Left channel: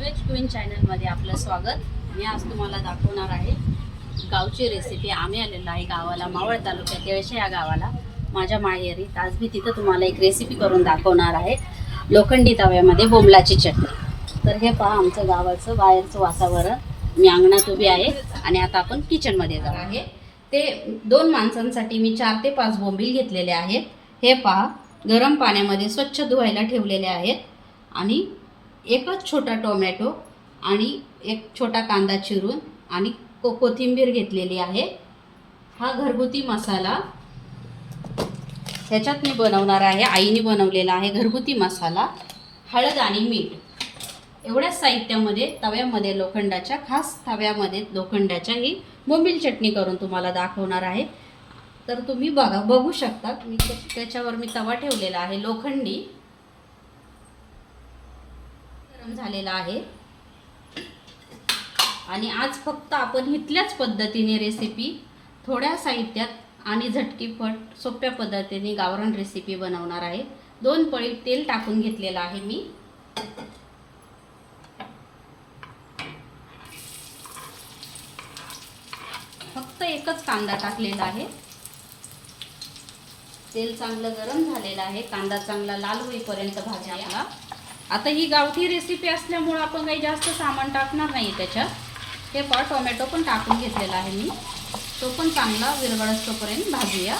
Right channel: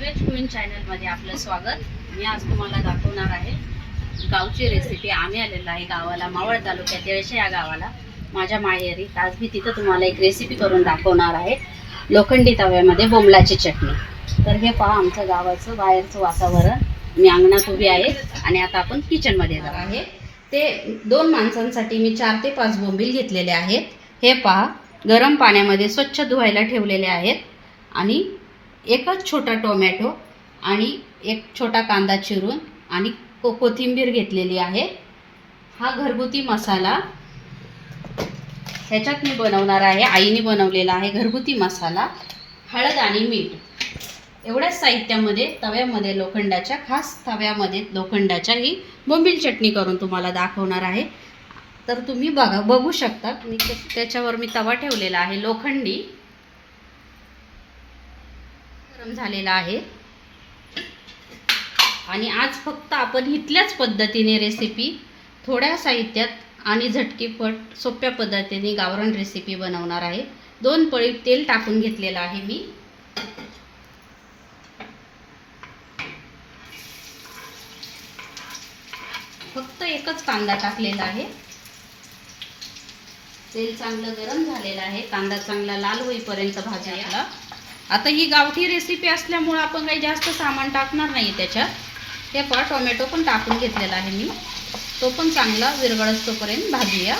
Non veg queen चॅनलमध्ये आपलं स्वागत. मी आज तुम्हाला दाखवणार आहे गावची रेसिपी आम्ही आलेलो आहे गावाला मावळ तालुक्यात येळशे या गावाला. माझ्या माहेरी. आज मी तिथं तुम्हाला एक रेसिपी करून दाखवणार आहे. लोखंडी तव्यामध्ये बोंबलाची चटणी. तर हे पहा आमचं गावाचं बाहेरचं वातावरण. मी अंगणात उभी आहे आणि आता आपण किचनमध्ये जाऊ. आहे. ते दोन माणसांसाठी मी चार ते पाच बोंबील घेतलेले आहेत. हे पहा गरम पाण्यामध्ये स्वच्छ धुवायला ठेवलेले आहेत आणि एकच छोटा टोमॅटो आणि एक छोटा कांदा चिरून आणि को कोथिंबीर घेतलेली आहे. हा घरगुती मसाला ह्याच्यात मी बनवणार आहे आईने बनवलेला आहे घरगुती मसाला हळद आणि मीठ. एवढ्याच साहित्यामध्ये तव्यामध्ये लोखंडाच्या खास तव्यामध्ये लोखंडाच्या ही बोंबील चटणी करून तुम्हाला दाखवणार आहे. तर तुम्ही बघा बघू शकता मी त्याच्यावर मी तवा ठेवलेला आहे लोखंडी. गरम झालेला आहे. आणि आज फक्त आपण इथल्याच पद्धतीने रेसिपी थोड्या साहित्यात आणि झटकीपट सोप्या पद्धतीने गावरण रेसिपी बनवणार आहे. दोन पळी तेल टाकून घेतलेलं आहे मी. फक्त एकच कांदा टाकलेला आहे. तेल चांगलं गरम झालेलं आहे. कांदा चांगला लाल होईपर्यंत भाजायला. आता ही गावठी रेसिपी असल्यामुळं आपण काही जास्त सामान टाकणार नाही त्याच्यात. हे पहा टोमॅटो पण टाकून घेतलेला आहे मी. तो पण चांगला विरगळस तोपर्यंत भाजूया.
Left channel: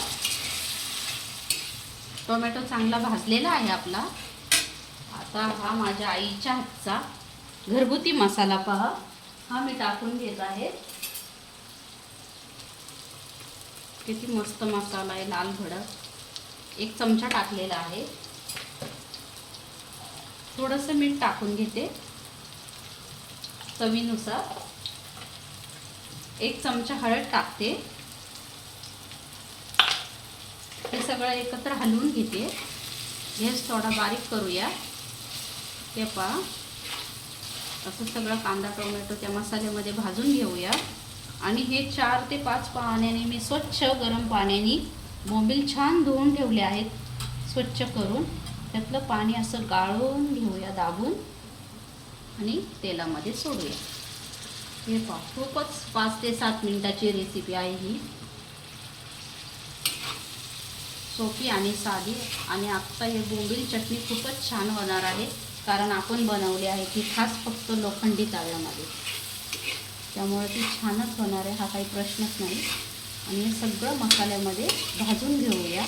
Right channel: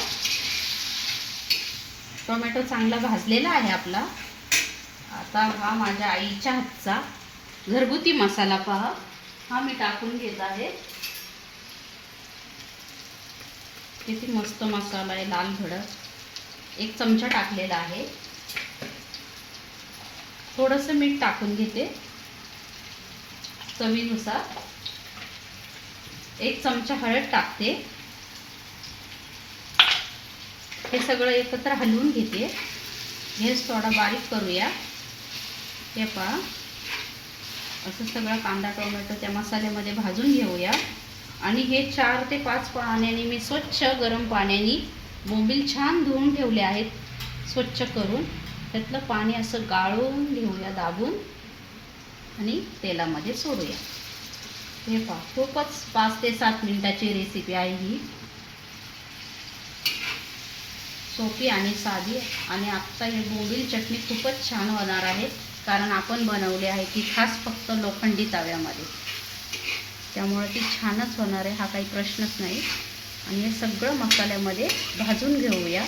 टोमॅटो चांगला भाजलेला आहे आपला. आता हा माझ्या आईच्या हातचा घरगुती मसाला पहा. हा मी टाकून घेत आहे. किती मस्त मसाला आहे लाल भडक एक चमचा टाकलेला आहे. थोडंसं मीठ टाकून घेते. चवीनुसार. एक चमचा हळद टाकते. हे सगळं एकत्र हलवून घेते. गॅस थोडा बारीक करूया. हे पहा. असं सगळं कांदा टोमॅटो त्या मसाल्यामध्ये भाजून घेऊया. आणि हे चार ते पाच पाण्याने मी स्वच्छ गरम पाण्याने बोंबील छान धुवून ठेवले आहेत. स्वच्छ करून. त्यातलं पाणी असं गाळून घेऊया दाबून आणि तेलामध्ये सोडूया. हे पहा खूपच पाच ते सात मिनिटाची रेसिपी आहे ही. सोपी आणि साधी आणि आत्ता हे बोंबील चटणी खूपच छान होणार आहे कारण आपण बनवली आहे ती खास फक्त लोखंडी तव्यामध्ये. त्यामुळे ती छानच होणार आहे हा काही प्रश्नच नाही. आणि हे सगळं मसाल्यामध्ये भाजून घेऊया.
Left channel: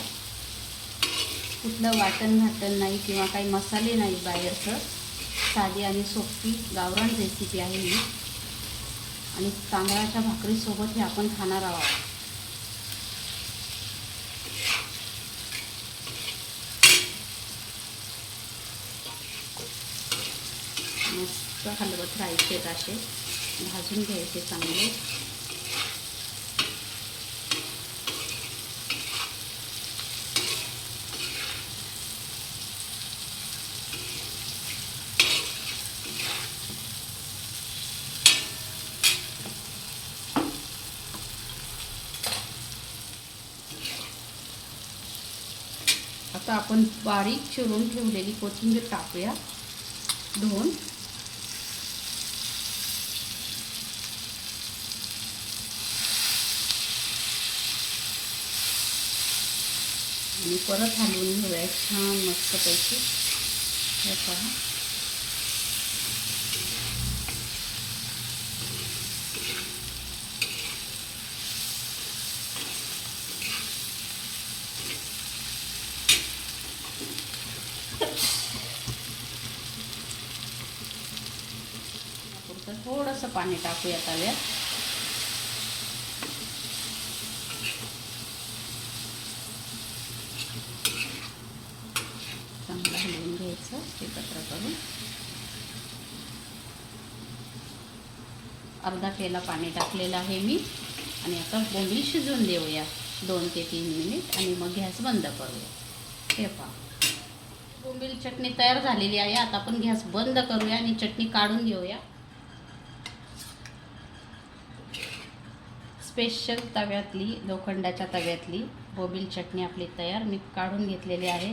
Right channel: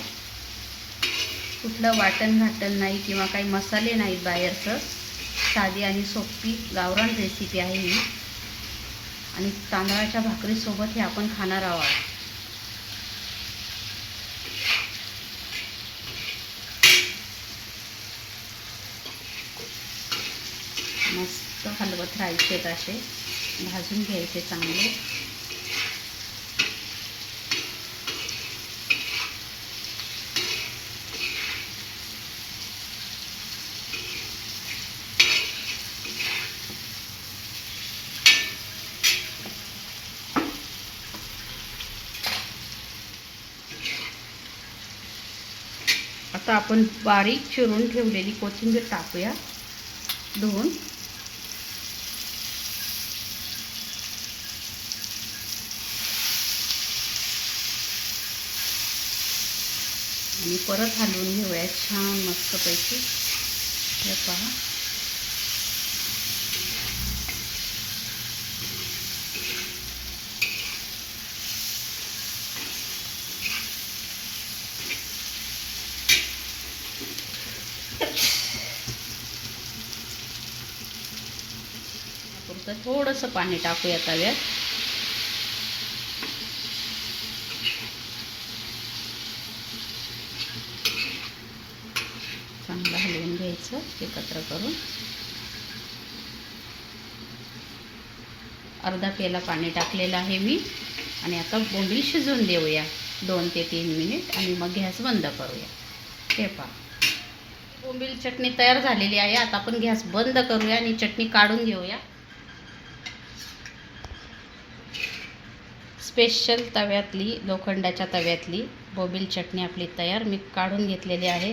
कुठलं वाटण घाटण नाही किंवा काही मसाले नाहीत बाहेरचं. साधी आणि सोपी गावरण रेसिपी आहे ही. आणि तांदळाच्या भाकरीसोबत हे आपण खाणार आहोत. मस्त हलवत राहायचे असे. भाजून घ्यायचे चांगले. आता आपण बारीक चिरून ठेवलेली कोथिंबीर टाकूया. धुवून आणि परत हलवून घेऊया छान मस्तपैकी. हे पहा. तर थोडंसं पाणी टाकूया तव्यात. चांगलं हलवून घ्यायचं एकत्र करून. अर्धा पेला पाणी टाकलेलं आहे मी. आणि आता बोंबील शिजवून देऊया. दोन ते तीन मिनिट आणि मग गॅस बंद करूया. हे पहा. बोंबील चटणी तयार झालेली आहे. आता आपण गॅस बंद करूया आणि चटणी काढून घेऊया. स्पेशल तव्यातली लोखंडाच्या तव्यातली बोबील चटणी आपली तयार. मी काढून घेतलेली आहे.